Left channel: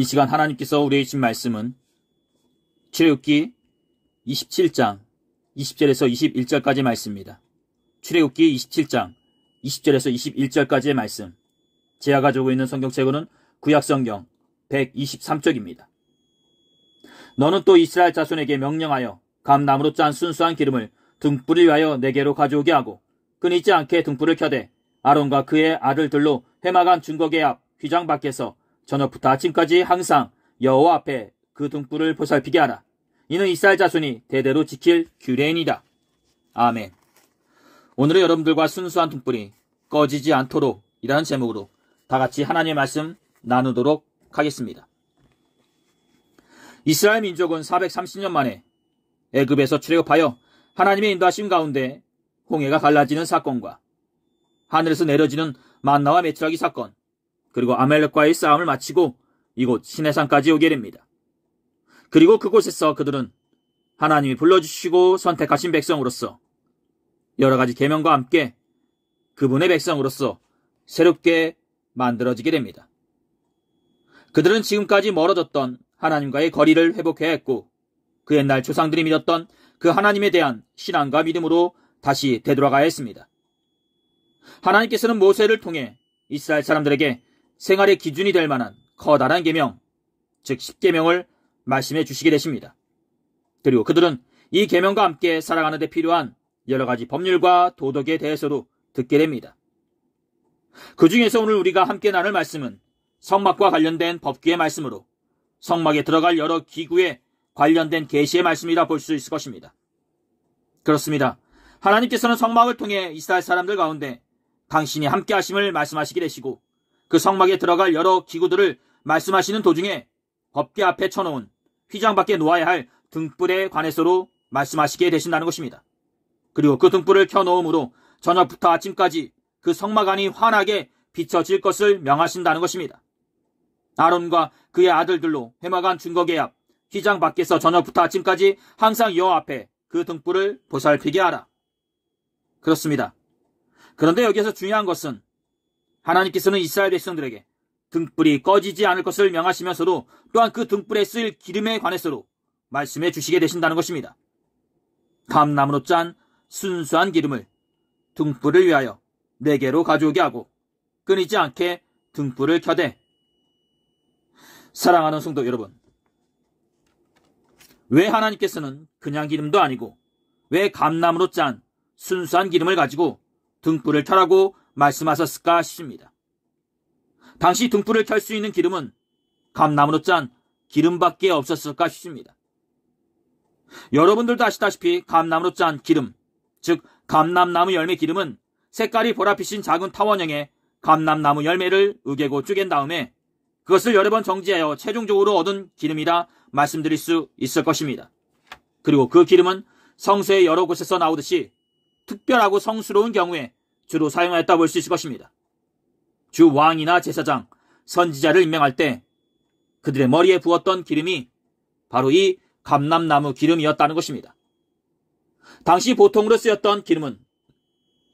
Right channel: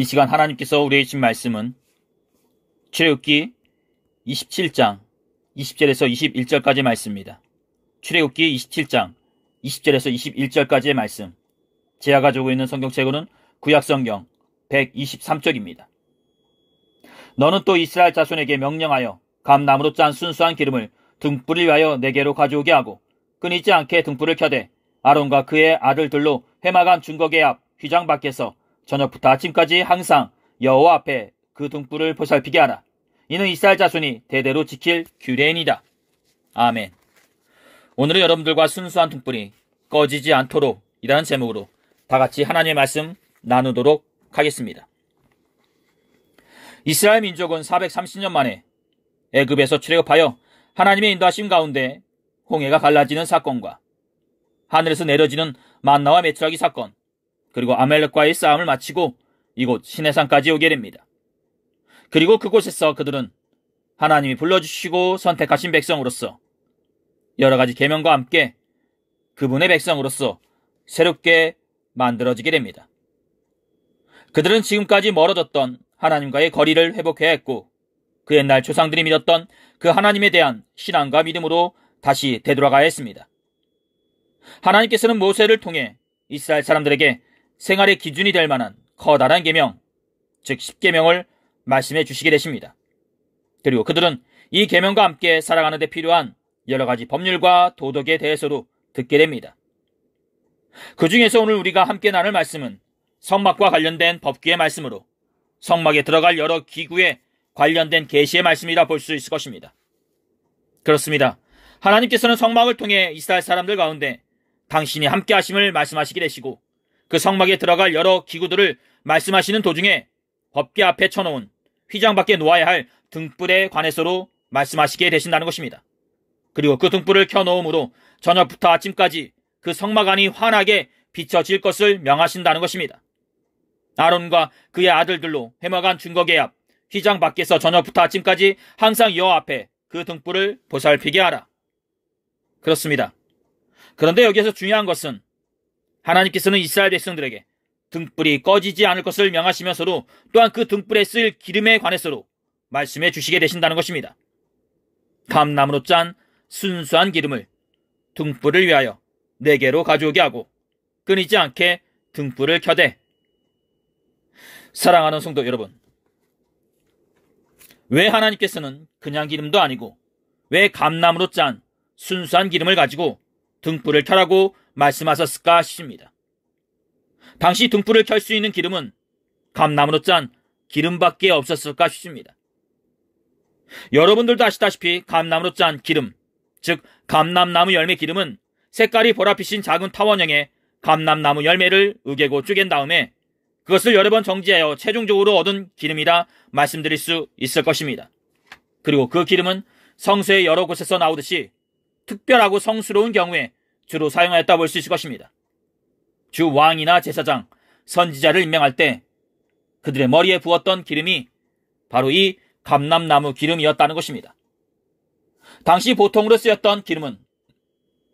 이 시간 하나님께서 우리에게 주신 말씀은 출애굽기 27장 20절에서 21절까지의 말씀입니다. 출애굽기 27장 20절에서 21절까지의 말씀. 제가 가지고 있는 성경책으로는 구약성경 123쪽입니다. 너는 또 이스라엘 자손에게 명령하여 감나무로 짠 순수한 기름을 등불을 위하여 네개로 가져오게 하고 끊이지 않게 등불을 켜되 아론과 그의 아들들로 해마간 중거계 앞 휘장 밖에서 저녁부터 아침까지 항상 여호와 앞에 그 등불을 보살피게 하라. 이는 이스라엘 자손이 대대로 지킬 규례이니라. 아멘. 오늘은 여러분들과 순수한 등불이 꺼지지 않도록 이라는 제목으로 다같이 하나님의 말씀 나누도록 하겠습니다. 이스라엘 민족은 430년 만에 애굽에서 출애굽하여 하나님의 인도하심 가운데 홍해가 갈라지는 사건과 하늘에서 내려지는 만나와 메추라기 사건, 그리고 아말렉과의 싸움을 마치고 이곳 시내산까지 오게 됩니다. 그리고 그곳에서 그들은 하나님이 불러주시고 선택하신 백성으로서 여러 가지 계명과 함께 그분의 백성으로서 새롭게 만들어지게 됩니다. 그들은 지금까지 멀어졌던 하나님과의 거리를 회복해야 했고 그 옛날 조상들이 믿었던 그 하나님에 대한 신앙과 믿음으로 다시 되돌아가야 했습니다. 하나님께서는 모세를 통해 이스라엘 사람들에게 생활의 기준이 될 만한 커다란 계명, 즉 10계명을 말씀해 주시게 되십니다. 그리고 그들은 이 계명과 함께 살아가는 데 필요한 여러 가지 법률과 도덕에 대해서도 듣게 됩니다. 그 중에서 오늘 우리가 함께 나눌 말씀은 성막과 관련된 법규의 말씀으로 성막에 들어갈 여러 기구에 관련된 계시의 말씀이라 볼 수 있을 것입니다. 그렇습니다. 하나님께서는 성막을 통해 이스라엘 사람들 가운데 당신이 함께 하심을 말씀하시게 되시고 그 성막에 들어갈 여러 기구들을 말씀하시는 도중에 법궤 앞에 쳐놓은 휘장 밖에 놓아야 할 등불에 관해서로 말씀하시게 되신다는 것입니다. 그리고 그 등불을 켜놓음으로 저녁부터 아침까지 그 성막 안이 환하게 비춰질 것을 명하신다는 것입니다. 아론과 그의 아들들로 해마간 중거계 앞 휘장 밖에서 저녁부터 아침까지 항상 여호와 앞에 그 등불을 보살피게 하라. 그렇습니다. 그런데 여기에서 중요한 것은 하나님께서는 이스라엘 백성들에게 등불이 꺼지지 않을 것을 명하시면서도 또한 그 등불에 쓸 기름에 관해서로 말씀해 주시게 되신다는 것입니다. 감나무로 짠 순수한 기름을 등불을 위하여 4개로 가져오게 하고 끊이지 않게 등불을 켜되. 사랑하는 성도 여러분, 왜 하나님께서는 그냥 기름도 아니고 왜 감나무로 짠 순수한 기름을 가지고 등불을 켜라고 말씀하셨을까 싶습니다. 당시 등불을 켤 수 있는 기름은 감나무로 짠 기름밖에 없었을까 싶습니다. 여러분들도 아시다시피 감나무로 짠 기름, 즉 감람나무 열매 기름은 색깔이 보랏빛인 작은 타원형의 감람나무 열매를 으개고 쪼갠 다음에 그것을 여러 번 정지하여 최종적으로 얻은 기름이라 말씀드릴 수 있을 것입니다. 그리고 그 기름은 성서의 여러 곳에서 나오듯이 특별하고 성스러운 경우에 주로 사용하였다 볼 수 있을 것입니다. 주 왕이나 제사장, 선지자를 임명할 때 그들의 머리에 부었던 기름이 바로 이 감람나무 기름이었다는 것입니다. 당시 보통으로 쓰였던 기름은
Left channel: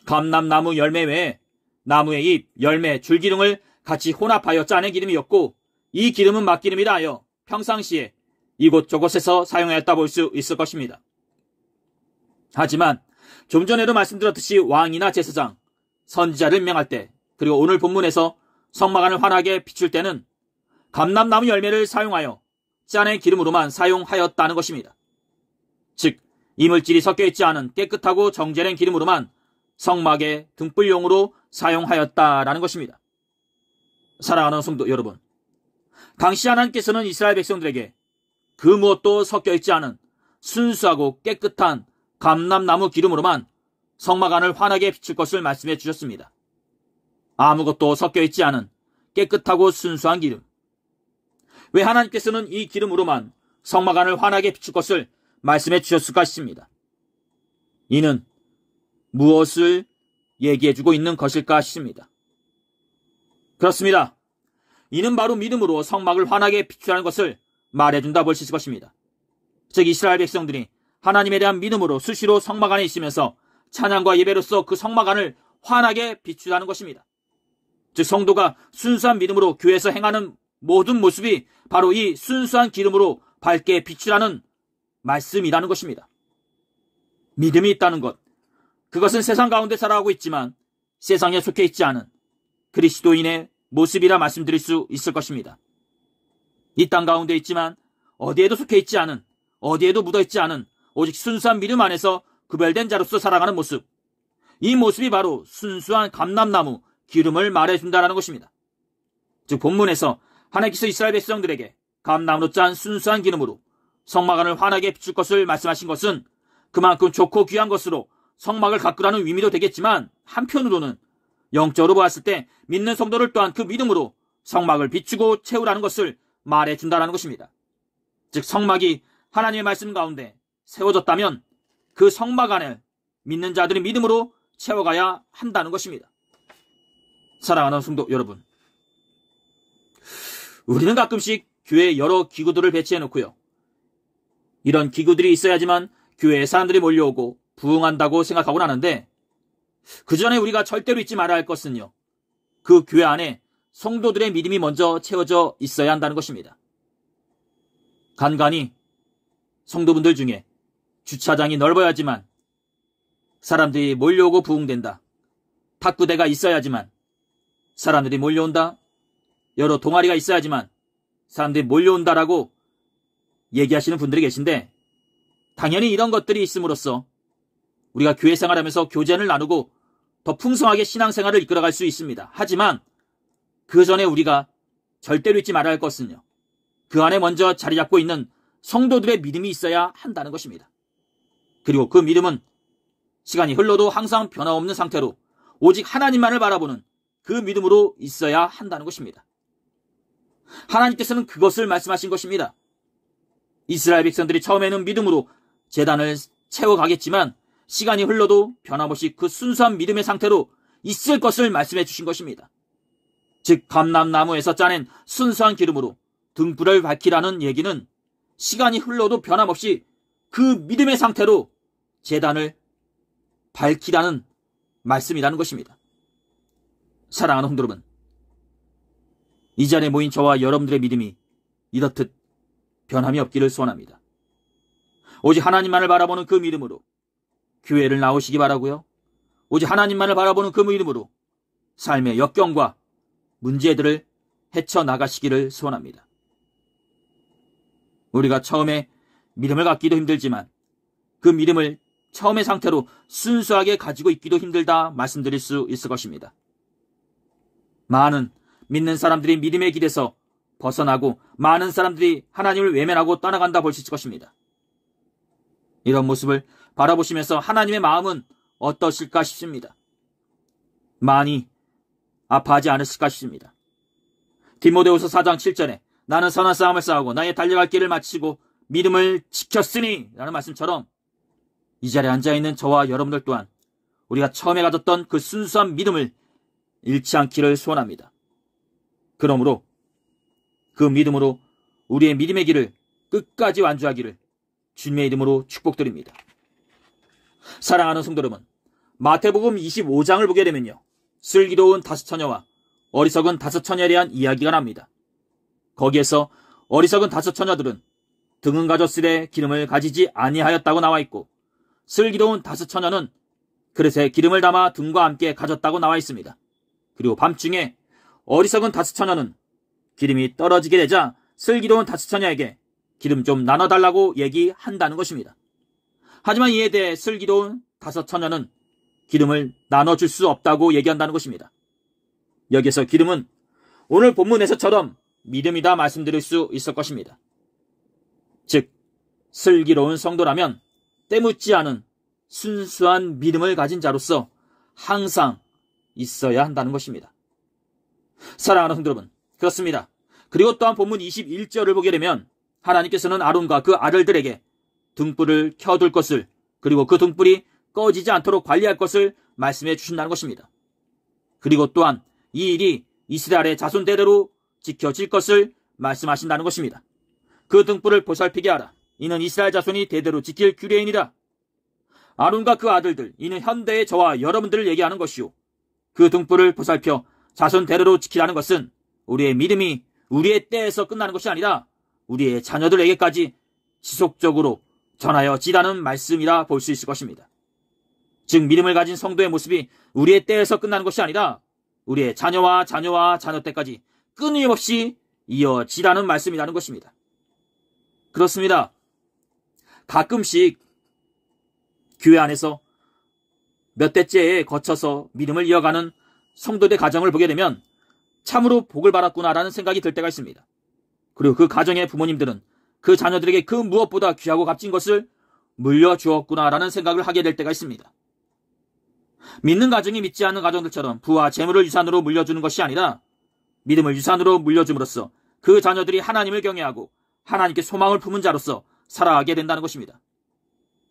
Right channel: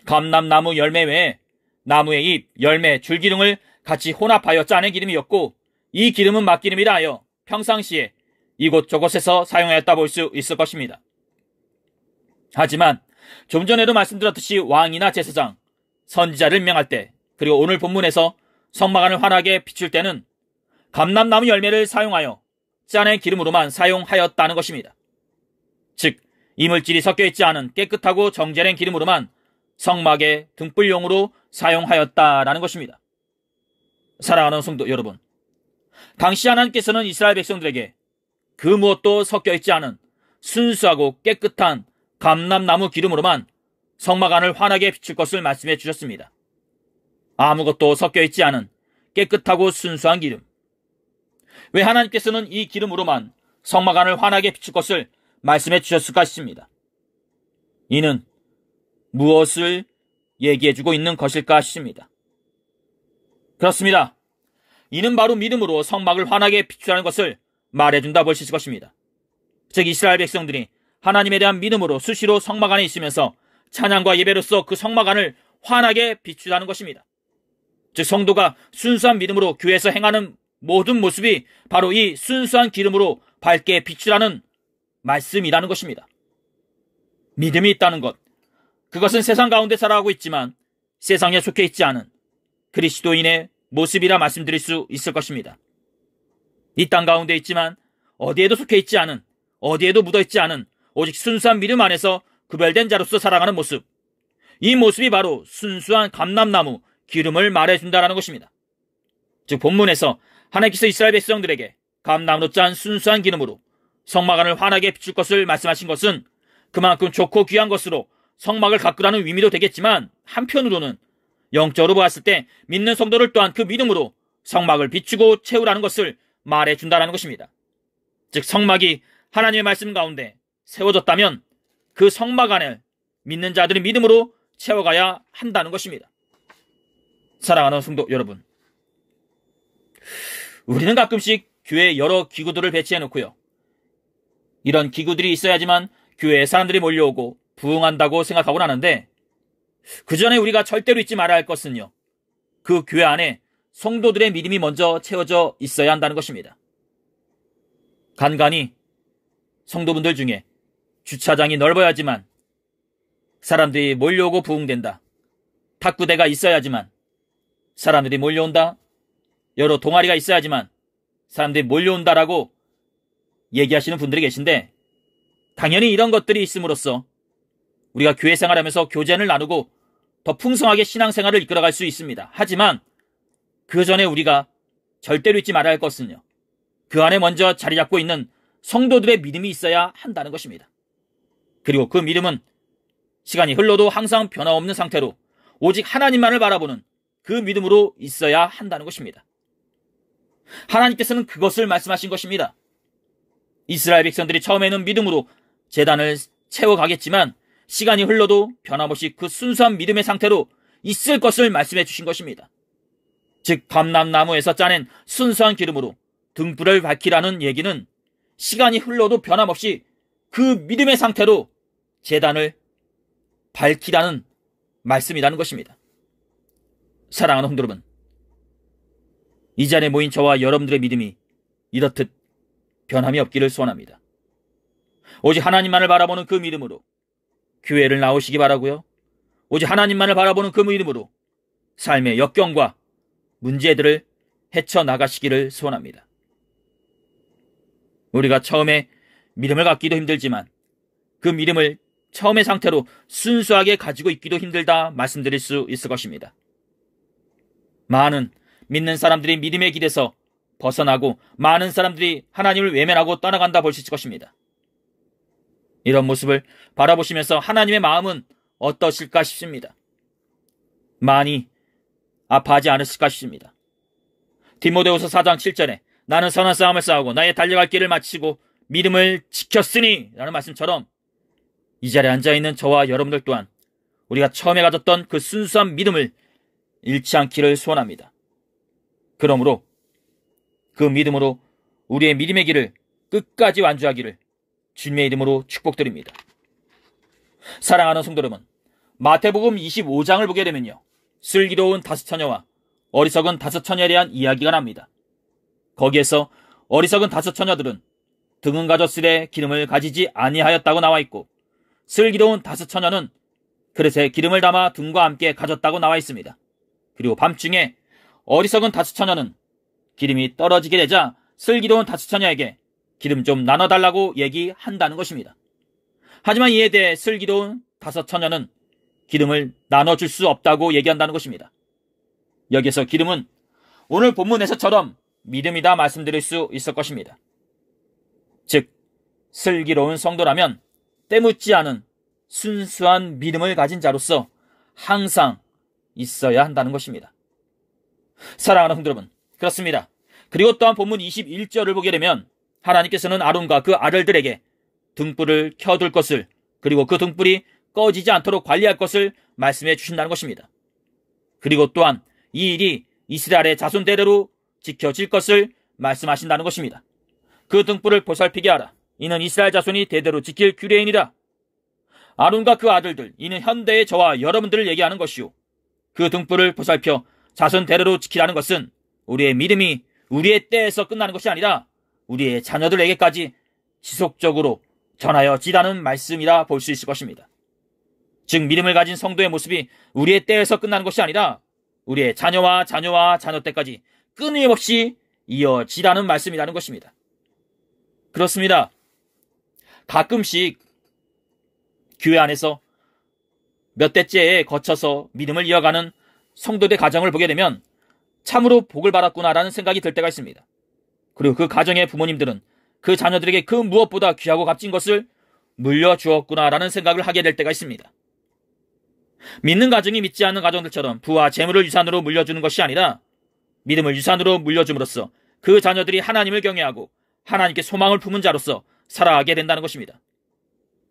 감람나무 열매 외에 나무의 잎, 열매, 줄기름을 같이 혼합하여 짜낸 기름이었고 이 기름은 막기름이라 하여 평상시에 이곳저곳에서 사용하였다 볼 수 있을 것입니다. 하지만 좀 전에도 말씀드렸듯이 왕이나 제사장, 선지자를 임명할 때 그리고 오늘 본문에서 성막 안을 환하게 비출 때는 감람나무 열매를 사용하여 짜낸 기름으로만 사용하였다는 것입니다. 즉 이물질이 섞여있지 않은 깨끗하고 정제된 기름으로만 성막의 등불용으로 사용하였다라는 것입니다. 사랑하는 성도 여러분, 당시 하나님께서는 이스라엘 백성들에게 그 무엇도 섞여있지 않은 순수하고 깨끗한 감람나무 기름으로만 성막 안을 환하게 비출 것을 말씀해 주셨습니다. 아무것도 섞여있지 않은 깨끗하고 순수한 기름. 왜 하나님께서는 이 기름으로만 성막 안을 환하게 비출 것을 말씀해 주셨을까 싶습니다. 이는 무엇을 얘기해 주고 있는 것일까 싶습니다. 그렇습니다. 이는 바로 믿음으로 성막을 환하게 비추라는 것을 말해준다 볼 수 있을 것입니다. 즉 이스라엘 백성들이 하나님에 대한 믿음으로 수시로 성막 안에 있으면서 찬양과 예배로서 그 성막 안을 환하게 비추라는 것입니다. 즉 성도가 순수한 믿음으로 교회에서 행하는 모든 모습이 바로 이 순수한 기름으로 밝게 비추라는 말씀이라는 것입니다. 믿음이 있다는 것, 그것은 세상 가운데 살아가고 있지만 세상에 속해 있지 않은 그리스도인의 모습이라 말씀드릴 수 있을 것입니다. 이 땅 가운데 있지만 어디에도 속해 있지 않은, 어디에도 묻어 있지 않은 오직 순수한 믿음 안에서 구별된 자로서 살아가는 모습, 이 모습이 바로 순수한 감람나무 기름을 말해준다라는 것입니다. 즉 본문에서 하나님께서 이스라엘 백성들에게 감람으로 짠 순수한 기름으로 성막 안을 환하게 비출 것을 말씀하신 것은 그만큼 좋고 귀한 것으로 성막을 가꾸라는 의미도 되겠지만, 한편으로는 영적으로 보았을 때 믿는 성도를 또한 그 믿음으로 성막을 비추고 채우라는 것을 말해준다라는 것입니다. 즉 성막이 하나님의 말씀 가운데 세워졌다면 그 성막 안을 믿는 자들의 믿음으로 채워가야 한다는 것입니다. 사랑하는 성도 여러분, 우리는 가끔씩 교회에 여러 기구들을 배치해 놓고요, 이런 기구들이 있어야지만 교회에 사람들이 몰려오고 부흥한다고 생각하곤 하는데, 그 전에 우리가 절대로 잊지 말아야 할 것은요, 그 교회 안에 성도들의 믿음이 먼저 채워져 있어야 한다는 것입니다. 간간히 성도분들 중에 주차장이 넓어야지만 사람들이 몰려오고 부흥된다, 탁구대가 있어야지만 사람들이 몰려온다, 여러 동아리가 있어야지만 사람들이 몰려온다라고 얘기하시는 분들이 계신데, 당연히 이런 것들이 있음으로써 우리가 교회 생활하면서 교제를 나누고 더 풍성하게 신앙생활을 이끌어갈 수 있습니다. 하지만 그 전에 우리가 절대로 잊지 말아야 할 것은요, 그 안에 먼저 자리 잡고 있는 성도들의 믿음이 있어야 한다는 것입니다. 그리고 그 믿음은 시간이 흘러도 항상 변화없는 상태로 오직 하나님만을 바라보는 그 믿음으로 있어야 한다는 것입니다. 하나님께서는 그것을 말씀하신 것입니다. 이스라엘 백성들이 처음에는 믿음으로 제단을 채워가겠지만 시간이 흘러도 변함없이 그 순수한 믿음의 상태로 있을 것을 말씀해 주신 것입니다. 즉 감람나무에서 짜낸 순수한 기름으로 등불을 밝히라는 얘기는 시간이 흘러도 변함없이 그 믿음의 상태로 제단을 밝히라는 말씀이라는 것입니다. 사랑하는 성도 여러분, 이 자리에 모인 저와 여러분들의 믿음이 이렇듯 변함이 없기를 소원합니다. 오직 하나님만을 바라보는 그 믿음으로 교회를 나오시기 바라고요, 오직 하나님만을 바라보는 그 믿음으로 삶의 역경과 문제들을 헤쳐나가시기를 소원합니다. 우리가 처음에 믿음을 갖기도 힘들지만 그 믿음을 처음의 상태로 순수하게 가지고 있기도 힘들다 말씀드릴 수 있을 것입니다. 많은 믿는 사람들이 믿음의 길에서 벗어나고 많은 사람들이 하나님을 외면하고 떠나간다 볼 수 있을 것입니다. 이런 모습을 바라보시면서 하나님의 마음은 어떠실까 싶습니다. 많이 아파하지 않으실까 싶습니다. 디모데후서 4장 7절에 나는 선한 싸움을 싸우고 나의 달려갈 길을 마치고 믿음을 지켰으니 라는 말씀처럼 이 자리에 앉아있는 저와 여러분들 또한 우리가 처음에 가졌던 그 순수한 믿음을 잃지 않기를 소원합니다. 그러므로 그 믿음으로 우리의 믿음의 길을 끝까지 완주하기를 주님의 이름으로 축복드립니다. 사랑하는 성도 여러분, 마태복음 25장을 보게 되면요, 슬기로운 5처녀와 어리석은 5처녀에 대한 이야기가 납니다. 거기에서 어리석은 5처녀들은 등은 가졌으되 기름을 가지지 아니하였다고 나와 있고, 슬기로운 5처녀는 그릇에 기름을 담아 등과 함께 가졌다고 나와 있습니다. 그리고 밤중에 어리석은 5처녀는 기름이 떨어지게 되자 슬기로운 5처녀에게 기름 좀 나눠달라고 얘기한다는 것입니다. 하지만 이에 대해 슬기로운 5처녀는 기름을 나눠줄 수 없다고 얘기한다는 것입니다. 여기서 기름은 오늘 본문에서처럼 믿음이다 말씀드릴 수 있을 것입니다. 즉 슬기로운 성도라면 때묻지 않은 순수한 믿음을 가진 자로서 항상 있어야 한다는 것입니다. 사랑하는 성도 여러분, 그렇습니다. 그리고 또한 본문 21절을 보게 되면 하나님께서는 아론과 그 아들들에게 등불을 켜둘 것을, 그리고 그 등불이 꺼지지 않도록 관리할 것을 말씀해 주신다는 것입니다. 그리고 또한 이 일이 이스라엘의 자손 대대로 지켜질 것을 말씀하신다는 것입니다. 그 등불을 보살피게 하라. 이는 이스라엘 자손이 대대로 지킬 규례이니라. 아론과 그 아들들, 이는 현대의 저와 여러분들을 얘기하는 것이요, 그 등불을 보살펴 자손 대대로 지키라는 것은 우리의 믿음이 우리의 때에서 끝나는 것이 아니라 우리의 자녀들에게까지 지속적으로 전하여지다는 말씀이라 볼 수 있을 것입니다. 즉 믿음을 가진 성도의 모습이 우리의 때에서 끝나는 것이 아니라 우리의 자녀와 자녀 때까지 끊임없이 이어지라는 말씀이라는 것입니다. 그렇습니다. 가끔씩 교회 안에서 몇 대째에 거쳐서 믿음을 이어가는 성도들의 가정을 보게 되면 참으로 복을 받았구나라는 생각이 들 때가 있습니다. 그리고 그 가정의 부모님들은 그 자녀들에게 그 무엇보다 귀하고 값진 것을 물려주었구나라는 생각을 하게 될 때가 있습니다. 믿는 가정이 믿지 않는 가정들처럼 부와 재물을 유산으로 물려주는 것이 아니라 믿음을 유산으로 물려줌으로써 그 자녀들이 하나님을 경외하고 하나님께 소망을 품은 자로서 살아가게 된다는 것입니다.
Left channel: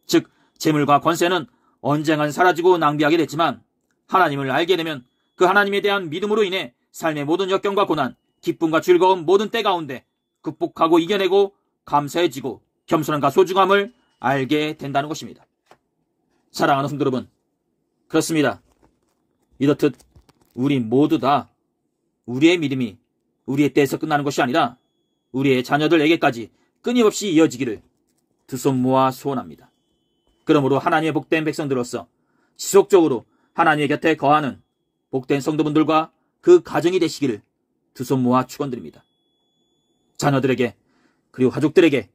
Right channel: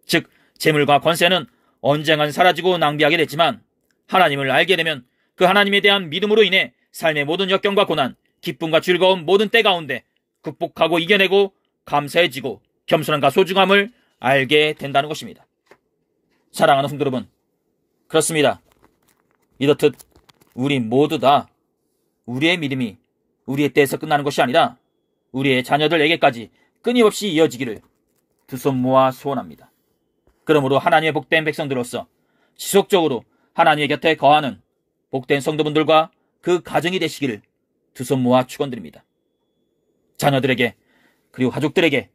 즉 재물과 권세는 언젠간 사라지고 낭비하게 됐지만 하나님을 알게 되면 그 하나님에 대한 믿음으로 인해 삶의 모든 역경과 고난, 기쁨과 즐거움 모든 때 가운데 극복하고 이겨내고 감사해지고 겸손함과 소중함을 알게 된다는 것입니다. 사랑하는 성도 여러분, 그렇습니다. 이렇듯 우리 모두 다 우리의 믿음이 우리의 때에서 끝나는 것이 아니라 우리의 자녀들에게까지 끊임없이 이어지기를 두 손 모아 소원합니다. 그러므로 하나님의 복된 백성들로서 지속적으로 하나님의 곁에 거하는 복된 성도분들과 그 가정이 되시기를 두 손 모아 축원드립니다. 자녀들에게 그리고 가족들에게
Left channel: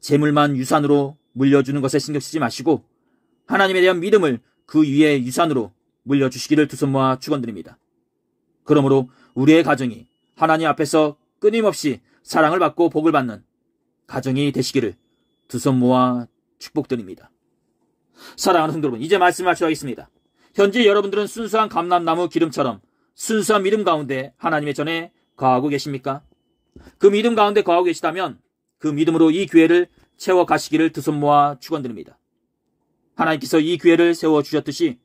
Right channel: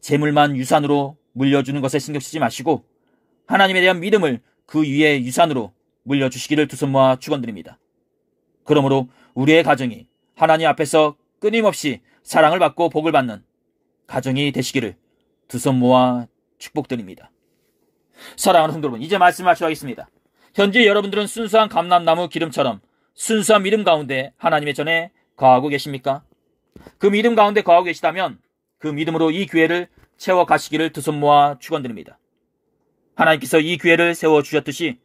재물만 유산으로 물려주는 것에 신경 쓰지 마시고 하나님에 대한 믿음을 그 위에 유산으로 물려주시기를 두 손 모아 축원드립니다. 그러므로 우리의 가정이 하나님 앞에서 끊임없이 사랑을 받고 복을 받는 가정이 되시기를 두 손 모아 축복드립니다. 사랑하는 성도 여러분, 이제 말씀을 마치겠습니다. 현재 여러분들은 순수한 감람나무 기름처럼 순수한 믿음 가운데 하나님의 전에 거하고 계십니까? 그 믿음 가운데 거하고 계시다면 그 믿음으로 이 교회를 채워가시기를 두 손 모아 축원드립니다. 하나님께서 이 교회를 세워주셨듯이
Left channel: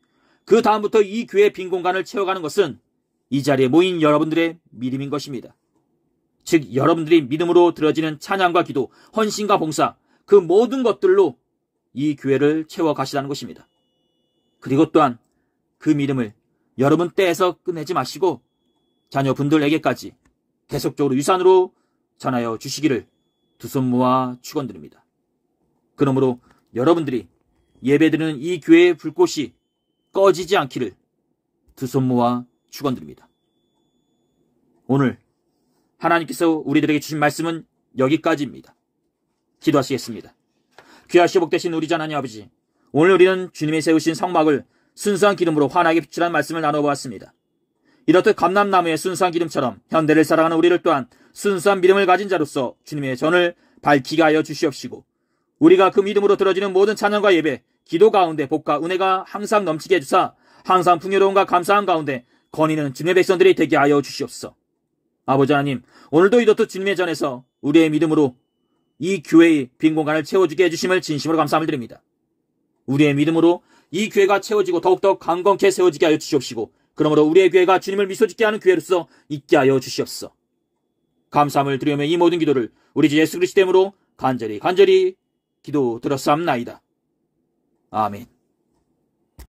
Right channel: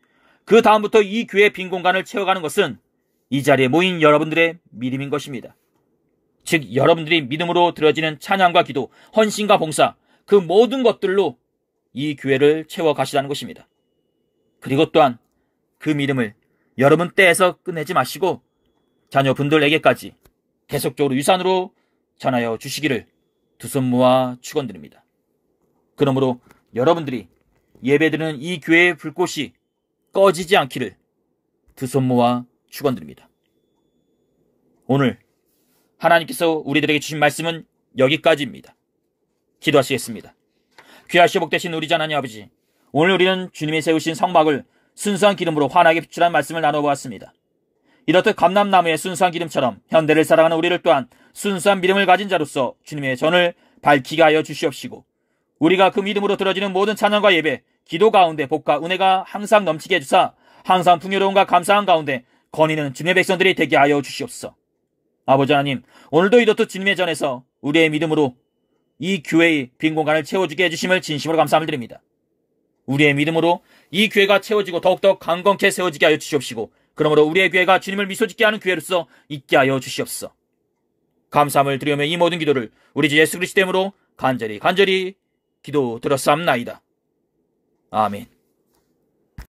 그 다음부터 이 교회의 빈 공간을 채워가는 것은 이 자리에 모인 여러분들의 믿음인 것입니다. 즉 여러분들이 믿음으로 드려지는 찬양과 기도, 헌신과 봉사, 그 모든 것들로 이 교회를 채워가시라는 것입니다. 그리고 또한 그 믿음을 여러분 때에서 끝내지 마시고 자녀분들에게까지 계속적으로 유산으로 전하여 주시기를 두 손 모아 축원드립니다. 그러므로 여러분들이 예배드리는 이 교회의 불꽃이 꺼지지 않기를 두 손 모아 축원드립니다. 오늘 하나님께서 우리들에게 주신 말씀은 여기까지입니다. 기도하시겠습니다. 귀하시고 복되신 우리 하나님 아버지, 오늘 우리는 주님이 세우신 성막을 순수한 기름으로 환하게 비추라는 말씀을 나눠보았습니다. 이렇듯 감람나무의 순수한 기름처럼 현대를 살아가는 우리를 또한 순수한 믿음을 가진 자로서 주님의 전을 밝히게 하여 주시옵시고 우리가 그 믿음으로 들어지는 모든 찬양과 예배, 기도 가운데 복과 은혜가 항상 넘치게 해주사 항상 풍요로움과 감사한 가운데 거니는 주님의 백성들이 되게 하여 주시옵소서. 아버지 하나님, 오늘도 이렇듯 주님의 전에서 우리의 믿음으로 이 교회의 빈 공간을 채워주게 해주심을 진심으로 감사함을 드립니다. 우리의 믿음으로 이 교회가 채워지고 더욱더 강건케 세워지게 하여 주시옵시고 그러므로 우리의 교회가 주님을 미소짓게 하는 교회로서 있게 하여 주시옵소서. 감사함을 드리며 이 모든 기도를 우리 주 예수 그리스도 이름으로 간절히 기도드렸사옵나이다. 아멘.